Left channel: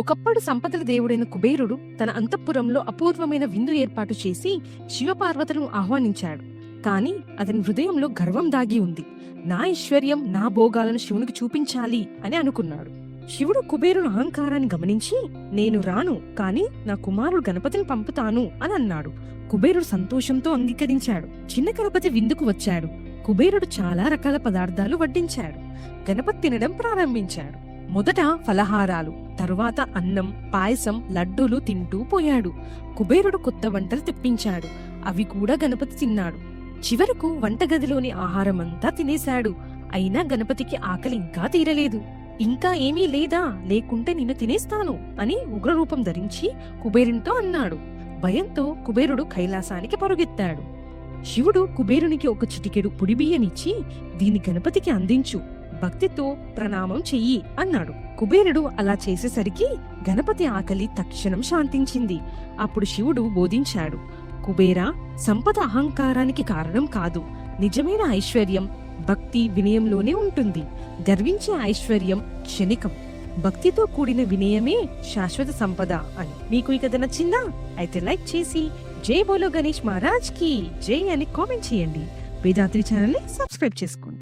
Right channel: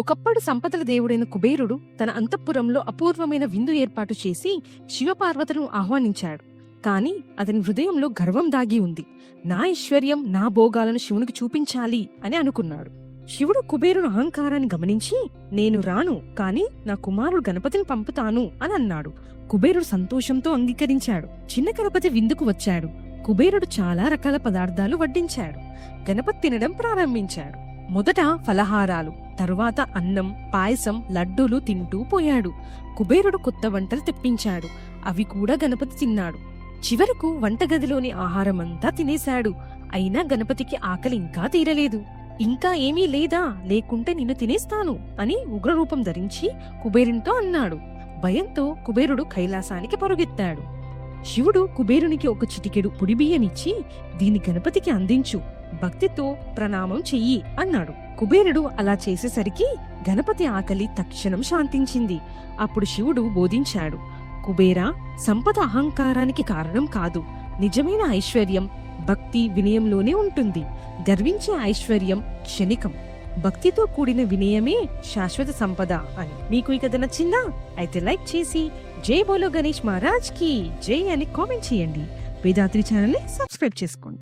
ఒకప్పుడు సంపదల దేవుడైన కుబేరుడు తన అంతఃపురంలో అపూర్వమైన విందు ఏర్పాటు చేసి శివపార్వతులను ఆహ్వానించాడు. కాని అతని హృదయంలో గర్వం దాగి ఉంది. నా ఐశ్వర్యం, నా భోగాలను శివునికి చూపించాలి అని అనుకున్నాడు. శివుడు కుబేరుని అహంకారాన్ని గమనించి, నేను రాను, కాని నా కుమారుడు గణపతిని పంపుతాను అని అన్నాడు. కుబేరుడు సంతోషంతో అంగీకరించాడు. చిన్న గణపతి విందుకు వచ్చాడు. కుబేరుడు చాలా రకాల పదార్థాలు వడ్డించాడు. గణపతి తినడం ప్రారంభించాడు. మొదట ఫలహారాలు, తరువాత అన్నం, పాయసం, లడ్డూలు తింటూ పోయాడు. కుబేరుడు కొత్త వంటలు తెప్పించాడు. అవి కూడా గణపతి తిన్నాడు. చివరకు వంటగదిలోని ఆహారమంతా తినేశాడు. అయినా గణపతికి ఆకలి ఇంకా తీరలేదు. ఇంకా ఏమీ లేదా, లేకుంటే నిన్ను తినేస్తాను అని ఉగ్రరూపం ధరించి కుబేరునితో అన్నాడు. భయంతో కుబేరుడు కైలాసానికి పరుగెత్తాడు. శివుడు కుబేరునికి ఒక చిటికెడు పొడి బియ్యమిచ్చి, దీని గణపతికి అందించు, భక్తితో ప్రణామం చెయ్యి అన్నాడు. కుబేరుడు అలా చేసేసరికి గణపతి ఆకలి తక్షణం శాంతించింది. అప్పుడు శివుడు బోధించాడు, కుబేరా, సంపద అహంకారానికి కారణం కాదు. నిజమైన ఐశ్వర్యం భక్తి, వినయంలోనే ఉంటుంది. గర్వించే ఐశ్వర్యం క్షణికం. భక్తితో కూడిన వినయమే శాశ్వత సంపద అని. మీకు ఈ కథ నచ్చిందా? అయితే లైక్ చేసి జై బోలో గణేష్ మహారాజ్ కి జై అని కామెంట్ చేయండి. వేదాద్రి ఛానల్ ని సబ్స్క్రైబ్ చేసుకోండి.